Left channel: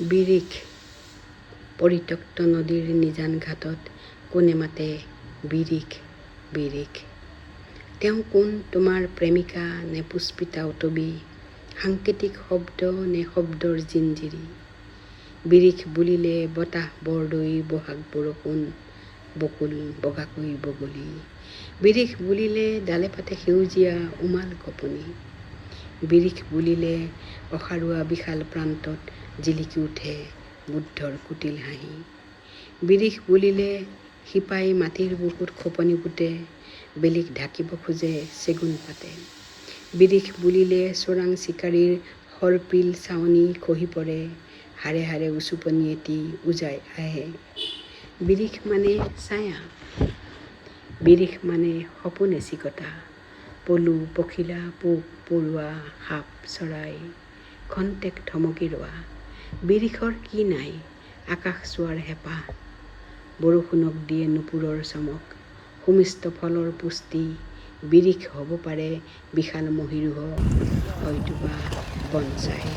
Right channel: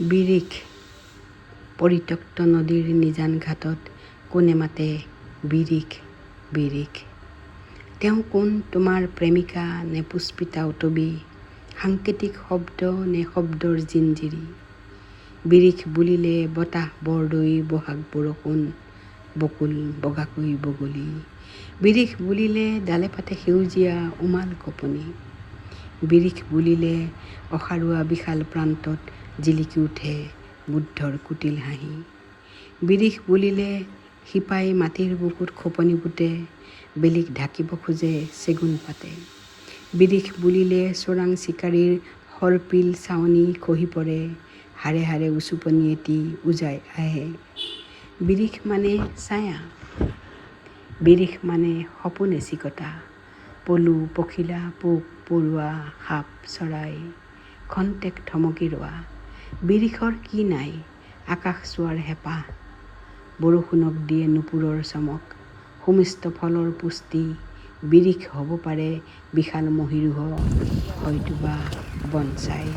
বিৰিখ পৰিত্যক্ত নদীৰ নিজান ঘাটত কোনে মাতে বিৰিখ বিৰিখ। তেওঁ কোন তোমাৰ প্ৰেমিকা নে পুষ্পিতা উটবি, সাংকেতিক শব্দ নে শব্দৰ জিঞ্জিৰি। বিৰিখ বুলিলে বতাহ বৰদৈ বহাগ বৰষুণ, বকুল বগাকৈ বগলী। বিৰিখ বুলিলে ডালে পাতে সেউজীয়া উমাল কপনি। বিৰিখ বুলিলে অসাৰুৱা বিশাল প্ৰান্তত জিলিকি উঠে বুদ্ধৰ কুটিল হাঁহি। বিৰিখ বুলিলে শিপাই মাটিৰ বুকুত খোপনি পুতে, বেলিক ঢাকিব খোজে চেগুন পাতে। বিৰিখ বুলিলে চোৰাং চিকাৰীৰ সৰ্পিল চাৱনি খহি পৰে, হাড়ে হাড়ে উচুপনি এটি উজাই আহে। বিৰিখ মানে ছায়া, বিৰিখ মানে সপোন এচিকটা, পলু পখিলা পোক পৰুৱা সাপ চৰাই, খন্তেক থমকি ৰোৱা। বিৰিখৰ কি নাই, আকাশ চোৱাৰ হেঁপাহ, বৰষুণক দিয়ে নুপুৰৰ চমক, সুমিষ্ট ফলৰ পুষ্টি। বিৰিখ হ'ব পাৰে বিশাল মহীৰূহ, হয়তোবা বনচাই।